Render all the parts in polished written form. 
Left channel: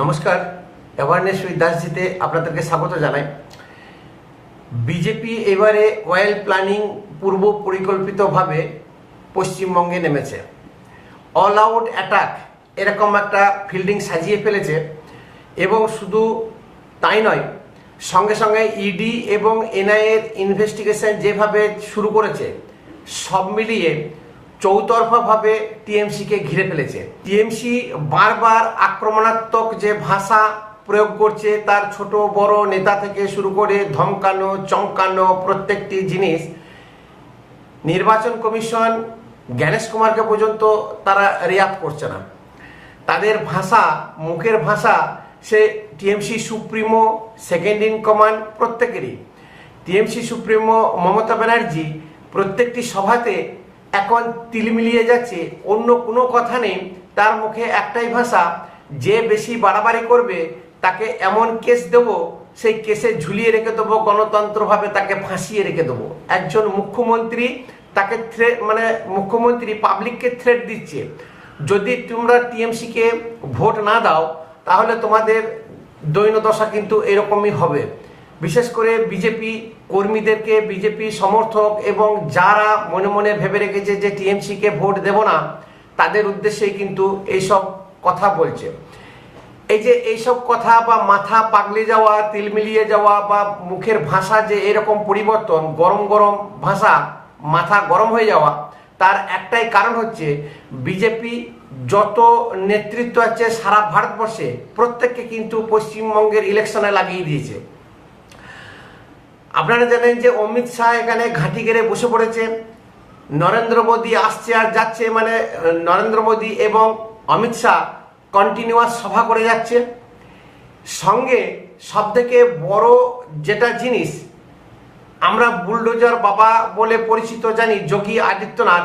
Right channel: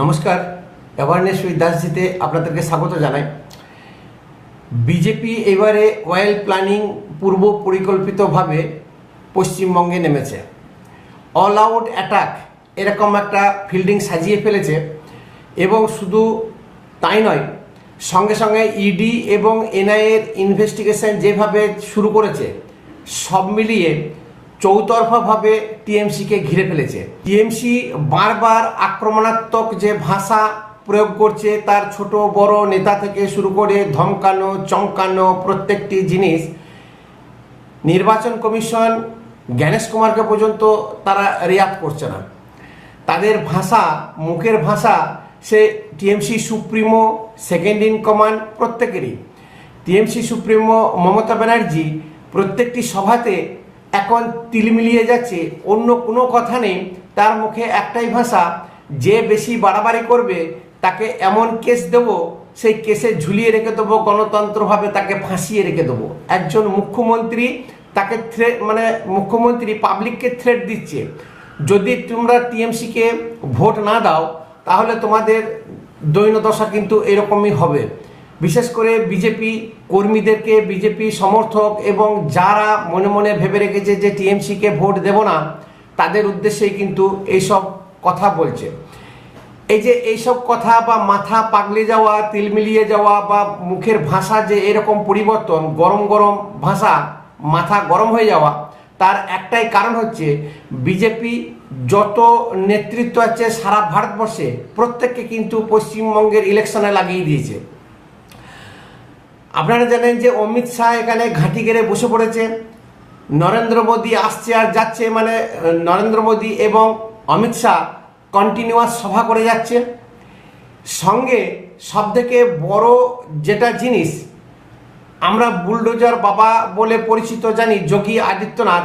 নমস্কার, awareness with দাসজিতে আপনাদেরকে স্বাগত জানাই। বিজেপি এবারে ওয়েল প্ল্যানিং পূর্ব পরিকল্পিতভাবে পশ্চিমবঙ্গে নেমেছে। অল আউট অ্যাটাক এরকম একটা ফিল্ডিং সাজিয়ে ফেলেছে এবং শুধু তাই নয়, সঙ্গে সঙ্গে ইডি এবং এনআইএর ইনভেস্টিগেশন যেভাবে শুরু করেছে, সব মিলিয়ে চৌতরফাভাবে টিএমসিকে ঘিরে ফেলেছে। টিএমসি বারবার আক্রমণাত্মক যে ভাষা প্রয়োগ করছে, তার ছোট বড় নেতা থেকে শুরু করে ধমকানো চমকানো প্রত্যেকটি জিনিস, নির্বাচন কমিশন জ্ঞানেশ কুমারকে পর্যন্ত তারা রিয়াক্ট করছে না। তাদের ভাষা, মুখের ভাষা, সে TMC supremo, second in command প্রত্যেকেরই। টিএমসি সুপ্রিমো মমতা ব্যানার্জি প্রত্যেকটি সভাতে এখন তিলমিলিয়ে যাচ্ছে, অন্য কোনো কথা নেই, তার মুখে একটাই ভাষা, যে বেশি বাড়াবাড়ি করবে তাকে এমন কেস দেব, সেই কেসে ঝুলিয়ে রেখে দেবো, গণতন্ত্রভাবে তাকে ফাঁসিয়ে রেখে দেবো। একজন মুখ্যমন্ত্রী তাকে মুখ্যমন্ত্রী পাবলিককে থ্রেট দিচ্ছে, যদি তোমরা টিএমসিকে ভোট না দাও তাহলে তোমাদের দৈন্যদশা কিন্তু এরকমই হবে। বিশেষ করে বিজেপি কর্মীদেরকে, বিজেপি সমর্থক এবং যারা মনে মনে ভেবে রেখেছে যে টিএমসিকে ভোট দেব না, তাদের উদ্দেশ্যেই কিন্তু এইসব কথা বলছে। এই যে এইসব কথা বা মাথা পাগলে যাওয়া, তিলমিলিয়ে যাওয়া বা মুখের ভাষা যে এরকম পরিবর্তন, গরম গরম ভাষা, মাথা গরম হয়ে যাওয়া, তার একটাই কারণ হচ্ছে বিজেপি যত নেতৃত্ব আছে সারা ভারতবর্ষে প্রত্যেককে কিন্তু পশ্চিমবঙ্গের ইলেকশনে লাগিয়ে দিয়েছে। আপনারা জানেন যে অমিত শাহ এখানে ঘাঁটি গেড়ে বসে পড়েছে, নরেন্দ্র মোদী আসছে আর যাচ্ছে, নরেন্দ্র মোদী এবং অমিত শাহ কন্টিনিউয়াস সভা করে যাচ্ছে। সঙ্গে সবথেকে বড় যেটা জিনিস, আমরা বুলডোজার বাবা বলে পরিচিত জানি যোগী আদিত্যনাথ,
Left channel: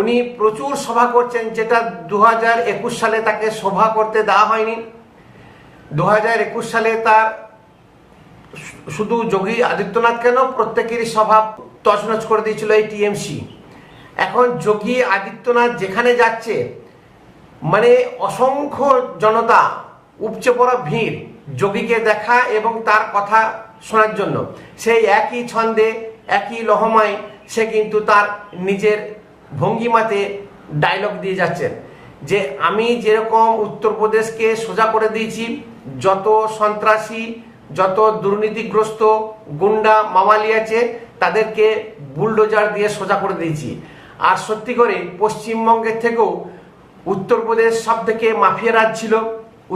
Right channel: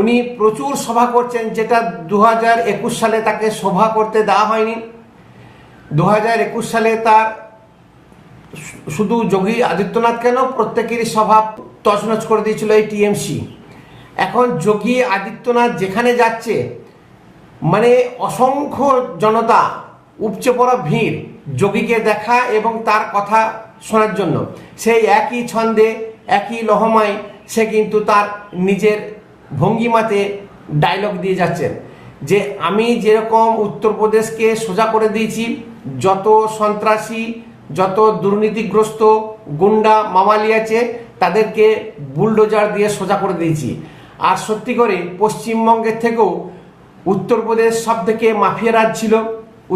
উনি প্রচুর সভা করছেন, যেটা 2021 সালে তাকে সভা করতে দেওয়া হয়নি। 2021 সালে তার শুধু যোগী আদিত্যনাথ কেন, প্রত্যেকেরই সভা তছনছ করে দিয়েছিল এই টিএমসি। এখন যোগী আদিত্যনাথ যেখানে যাচ্ছে, অসংখ্য জনতা, উপচে পড়া ভিড় যোগীকে দেখা এবং তার কথা শোনার জন্য। সেই একই ছন্দে, একই লহমায় সে কিন্তু তার নিজের ভঙ্গিমাতে ডায়লগ দিয়ে যাচ্ছেন যে আমি যেরকম উত্তরপ্রদেশকে সোজা করে দিয়েছি, যত সন্ত্রাসী, যত দুর্নীতিগ্রস্ত গুন্ডা মাওয়ালি আছে তাদেরকে বুলডোজার দিয়ে সোজা করে দিয়েছি। আর সত্যি করে পশ্চিমবঙ্গের থেকেও উত্তরপ্রদেশ সব থেকে মাফিয়া রাজ ছিল।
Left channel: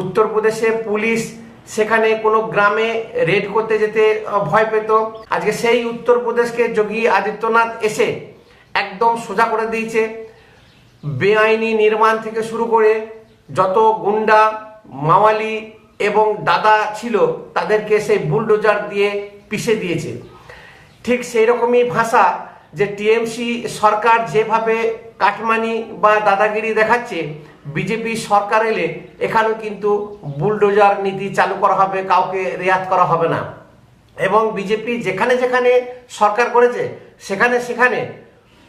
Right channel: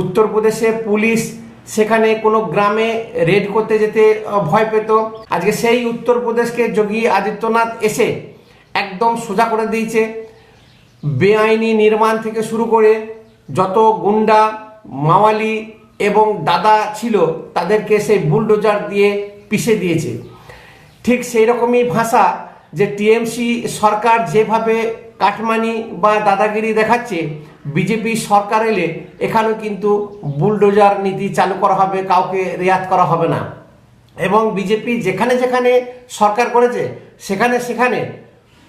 উত্তরপ্রদেশে পুলিশ সেখানে কোনো গ্রামে রেড করতে যেতে ভয় পেত। আজকে সেই উত্তরপ্রদেশকে যোগী আদিত্যনাথ এসে একদম সোজা করে দিয়েছে। বেআইনি নির্মাণ থেকে শুরু করে যত গুন্ডা মাওয়ালি এবং দাদা ছিল তাদেরকে সেই বুলডোজার দিয়ে পিষে দিয়েছে। ঠিক সেই রকমই ভাষা যে টিএমসি সরকার যেভাবে কাটমানি বা দাদাগিরি দেখাচ্ছে, বিজেপি সরকার এলে এখানেও কিন্তু বুলডোজার নীতি চালু করা হবে, কাউকে রেয়াত করা হবে না। এবং বিজেপি যেখানে যেখানে সরকার করেছে সেখানে সেখানে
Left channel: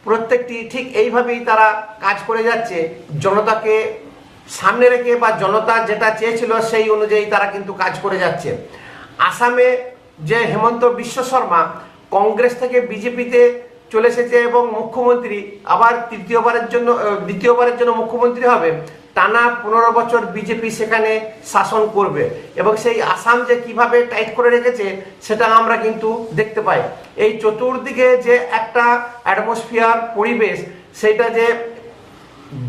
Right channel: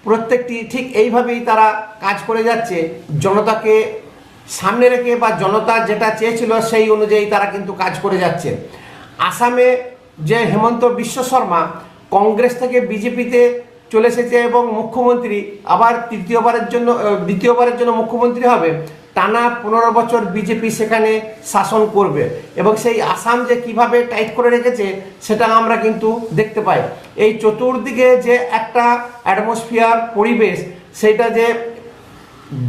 প্রত্যেকটি ঠিক এইভাবেই তারা কাজ করে যাচ্ছে, জনতাকে সামনে রেখে বা জনতা যেটা চেয়েছিল সেই অনুযায়ী তারা কিন্তু কাজ করে যাচ্ছে। আসামে যে হেমন্ত বিশ্ব শর্মা কংগ্রেস থেকে বিজেপিতে চলে এসেছে এবং মুখ্যমন্ত্রী আবার দ্বিতীয়বারের জন্য মুখ্যমন্ত্রী হবে, টানা 15 বছর বিজেপি সেখানে শাসন করবে এবং সেই আসাম যে কিভাবে টাইট করে রেখেছে সেটা আমরা কিন্তু দেখতে পাই। এই চতুর্দিকে যে একটা অ্যাটমসফিয়ার, পরিবেশ, সেটা যে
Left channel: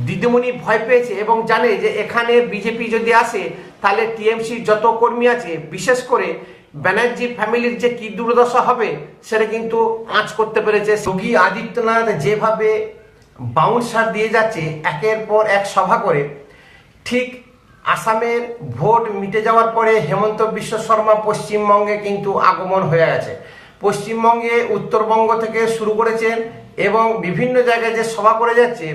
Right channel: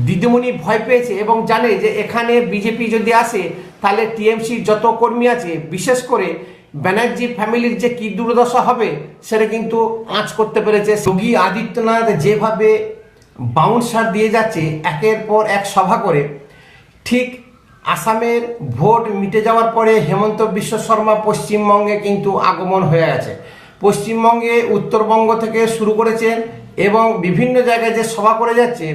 দিদিমণি ভয় পেয়েছে এবং জানে যে এখানে বিজেপি যদি আসে তাহলে টিএমসি যত কর্মী আছে, বিশেষ করে ব্যানার্জি ফ্যামিলির যে কি দুর্দশা হবে সেটা কিন্তু আঁচ করতে পেরেছে। যোগী আদিত্যনাথ যেভাবে বাউন্সার দিয়ে যাচ্ছে একের পর এক সভা করে, ঠিক আসামের ভোট মিটে যাওয়ার পরে হেমন্ত বিশ্ব শর্মা পশ্চিমবঙ্গে কিন্তু আগমন হয়ে গেছে। পশ্চিমবঙ্গে উত্তরবঙ্গ থেকে শুরু করেছে এবং বিভিন্ন জায়গায় যে সভা করে যাচ্ছে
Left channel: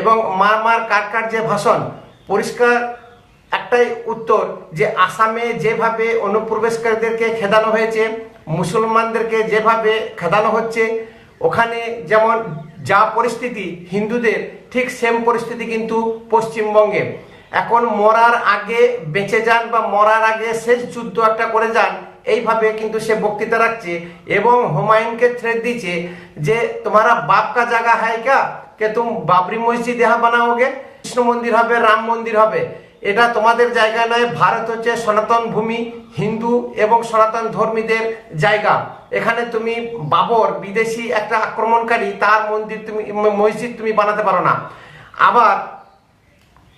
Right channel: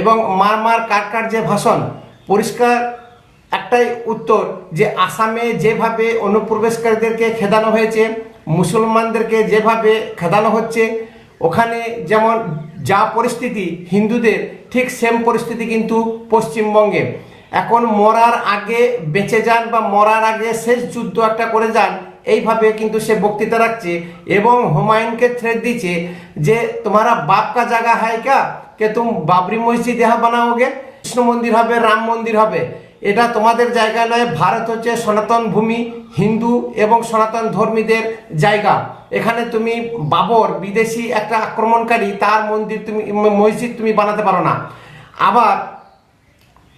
এবং মার কাট যে ভাষণ, পরিষ্কার একটাই উত্তর যে আসামে যেভাবে অনুপ্রবেশকারীদেরকে খেদানো হয়েছে, মুসলমানদেরকে যেভাবে খেদানো হচ্ছে, ওখানে যেমন যা পরিস্থিতি হিন্দুদের, ঠিক সেম পরিস্থিতি কিন্তু পশ্চিমবঙ্গে। এখন মরার আগে বেঁচে যান বা মরার আগে শেষ যুদ্ধ একটা করে যান, এইভাবে কিন্তু সে বক্তৃতা রাখছে এবং হুমায়ুনকে থ্রেট দিচ্ছে যে তোমারা বাপ কা জায়গা হ্যায় কা কে তুম বাবরি মসজিদ ইহা বানাওগে, কৃষ্ণ মন্দির হবে, রাম মন্দির হবে, এটা তোমাদের জায়গা নয়। ভারত হচ্ছে সনাতন ভূমি, হিন্দু এবং সনাতন ধর্মীদের জায়গা। এখানে তুমি বাবর বিদেশি একটা আক্রমণকারী, তার মন্দির তুমি মসজিদ তুমি বানাতে পারো না। আবার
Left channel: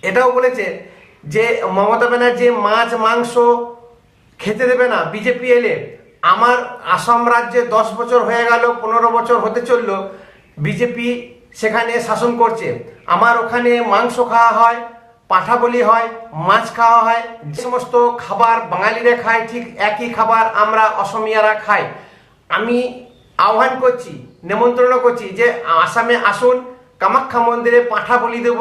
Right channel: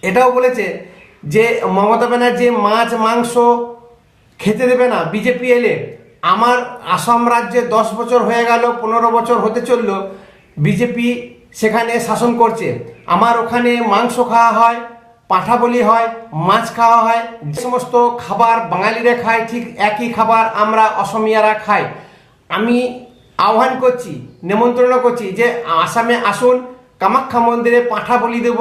এটাও বলেছে যে মমতা ব্যানার্জি মাছ মাংস খেতে দেবে না বিজেপি এলে। আমার আসাম রাজ্যে 10 বছর হয়ে গেল, 15 বছর হতে চলল বিজেপি সেখানে শাসন করছে। আমার ওখানে মাংস খাওয়া হয়, পাঠা বলি হয়, মাছ খাওয়া হয়, যে সমস্ত খাবার বাঙালিরা খায় ঠিক একই খাবার আমরা অসমিয়ারা খাই। আমি আহ্বান করছি, নেমন্ত্রণ করছি যে আসামে আসুন, কামাখ্যা মন্দিরে পাঠা বলি দেব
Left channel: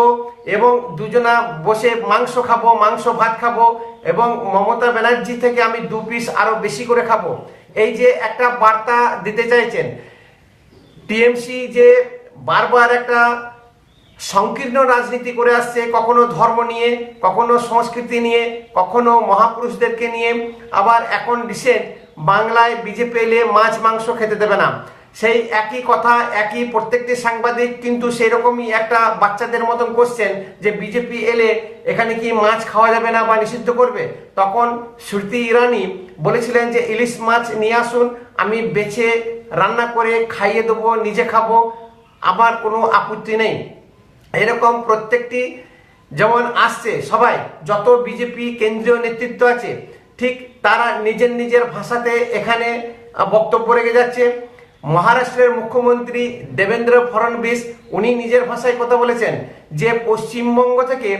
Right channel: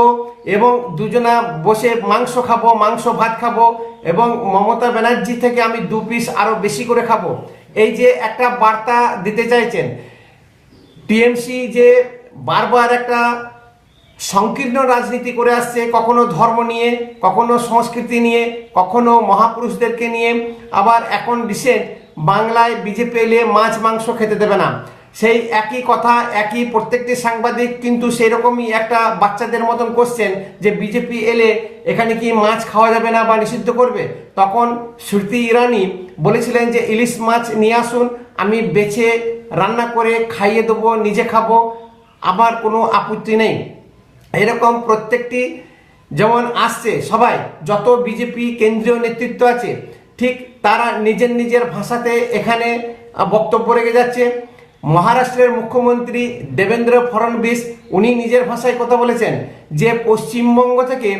এবং দুজনা বসে মাংস খাবো, মাংস ভাত খাবো এবং মমতা ব্যানার্জি থেকে আমি 2 পিস আরো বেশি করে খাবো। এই যে একটা বার্তা দিতে চাইছেন টিএমসি, যে বারবার একটা সংকীর্ণ রাজনীতি করে আসছে, কখনো ধর্ম নিয়ে, কখনো সংস্কৃতি নিয়ে, কখনো মহাপুরুষদেরকে নিয়ে, আবার এখন রিসেন্ট বাংলায় বিজেপি এলে মাছ মাংস খেতে দেবে না। সেই একই কথা, একই প্রত্যেকটি সাংবাদিক কিন্তু সেই রকমই একটা বাচ্চাদের মতন কোশ্চেন যে বিজেপি এলে এখানে কি মাছ খাওয়া যাবে না বা নিষিদ্ধ করবে। তখন স্মৃতি ইরানি বলেছিলেন যে ইলিশ মাছ নিয়ে আসুন, আমি বেছে রান্না করে খাইয়ে দেবো, নিজে খাবো, আমার কোনো আপত্তি নেই। এরকম প্রত্যেকটি যেমন আসছে সবাই, যত বিজেপি কেন্দ্রীয় নেতৃত্ব আছে ঠিক তারা নিজের নিজের ভাষাতে এখানে বক্তব্য রেখে যাচ্ছে। মহারাষ্ট্রের মুখ্যমন্ত্রী দেবেন্দ্র ফডনবিস উনি নিজের ভাষায় কথা বলেছেন যে পশ্চিমবঙ্গ থেকে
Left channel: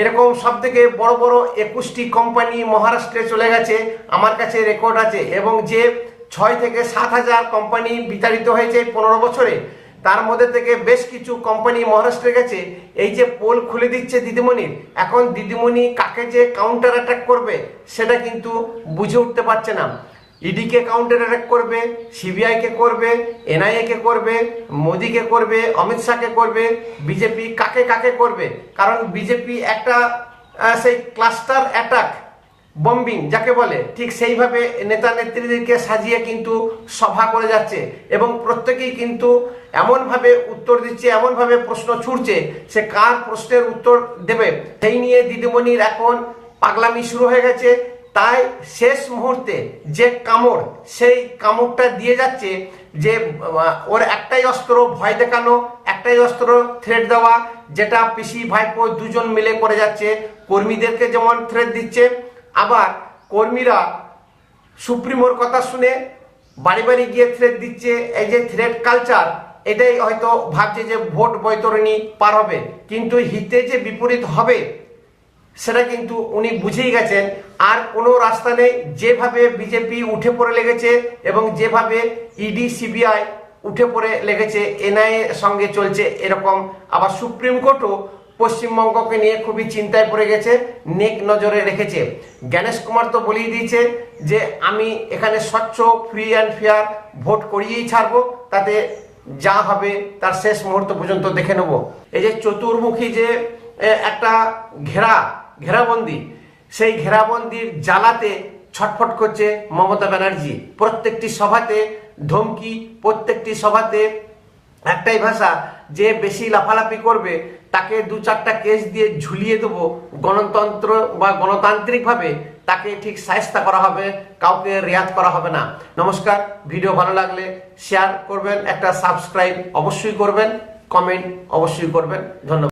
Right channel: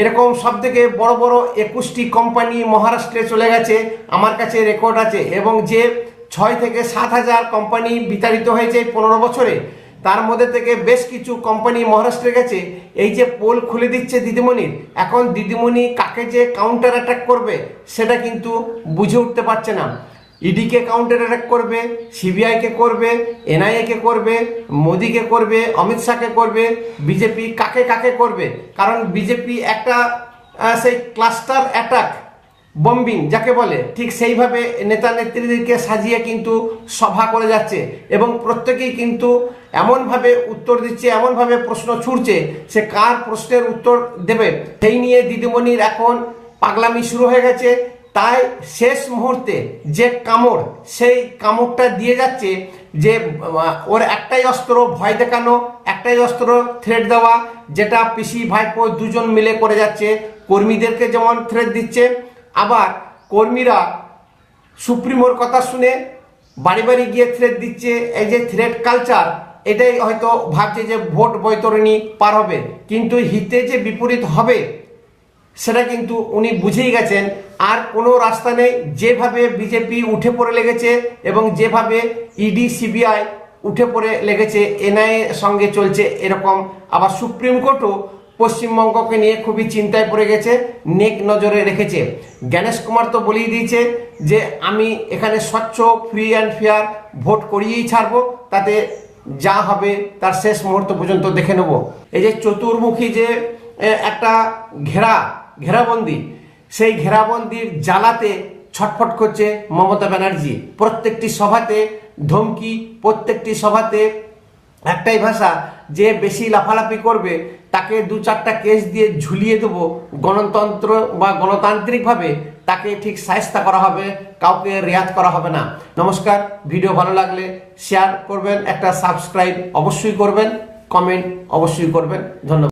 এরকম সব থেকে বড় বড় 21টি কোম্পানি মহারাষ্ট্রে চলে গেছে, আমার কাছে রেকর্ড আছে, এবং যে 6 থেকে 7 হাজার কোম্পানি বিতাড়িত হয়েছে 15 বছরে, তার মধ্যে থেকে বেশ কিছু কোম্পানি মহারাষ্ট্রে গেছে। এই যে পোল খুলে দিচ্ছে দিদিমণি, এখন দিদিমণি কাকে যে কাউন্টার অ্যাটাক করবে সেটা কিন্তু বুঝে উঠতে পারছে না। ইডিকে কাউন্টার অ্যাটাক করবে, সিবিআই কে করবে, এনআইএ কে করবে, মোদিকে করবে, অমিত শাহকে করবে, বিজেপি কাকে কাকে করবে। কারণ বিজেপি একটা সেই ক্লাস্টার অ্যাটাক বম্বিং যাকে বলে, ঠিক সেইভাবে নেতা নেত্রীদেরকে সাজিয়ে কিন্তু সভা করে যাচ্ছে এবং প্রত্যেকেই কিন্তু এমনভাবে উত্তর দিচ্ছে, এমনভাবে প্রশ্ন ছুড়ছে, সে কার প্রশ্নের উত্তর দেবে সেই নিয়ে দিদিমণির এখন পাগলামি শুরু হয়ে গেছে। তাই শেষ মুহূর্তে যে কামড়, সেই কামড়টা দিয়ে যাচ্ছে যে ওর একটাই অস্ত্র ভয় দেখানো, একটাই অস্ত্র থ্রেট দেওয়া, যেটা পিসি ভাইপো দুজন মিলে করে যাচ্ছে। কর্মীদেরকে যেমন থ্রেট দিচ্ছে, আবার কর্মীরা সুপ্রিমোর কথা শুনে বাড়ি বাড়ি গিয়ে থ্রেট দিচ্ছে। এই যে থ্রেট কালচার, এটাই হয়তো ভাবছে যে ভোট বৈতরণী পার হবে, কিন্তু হিতে যে বিপরীত হবে সেটা কিন্তু উনি বুঝেই গেছেন। আর কোনো রাস্তা নেই। যেভাবে বিজেপি উঠে পড়ে লেগেছে এবং যেভাবে ইডি সিবিআই উঠে পড়ে লেগেছে, এনআইএ সঙ্গে চলছে এরকম, আবার সুপ্রিম কোর্টও পশ্চিমবঙ্গকে নিয়ে খুবই চিন্তায় পড়ে গেছে, নেক নজরে রেখেছে। গণেশ কুমার তো বলেই দিয়েছে যে আমি এখানে স্বচ্ছ ফ্রি অ্যান্ড ফেয়ার ভোট করিয়েই ছাড়বো, তাতে যা হবে তার শেষ মুহূর্ত পর্যন্ত দেখে নেব। এই যে চতুর্মুখী যে একটা ঘেরাবন্দি, সেই ঘেরাবন্দির জ্বালাতে ছটফট করছে মমতা ব্যানার্জি। প্রত্যেকটি সভাতে ধমকি, প্রত্যেকটি সভাতে একটাই ভাষা, যে বেশি লাফালাফি করবে তাকে 2-4টা কেস দিয়ে ঝুলিয়ে দেবো, গণতন্ত্র বা গণতান্ত্রিক ভাবে তাকে ঠিক শায়েস্তা করা হবে, কাউকে রেয়াত করা হবে না। নমস্কার, ভিডিও ভালো লাগলে শেয়ার করবেন, একটা সাবস্ক্রাইব অবশ্যই করবেন, কমেন্ট অবশ্যই করবেন। ধন্যবাদ।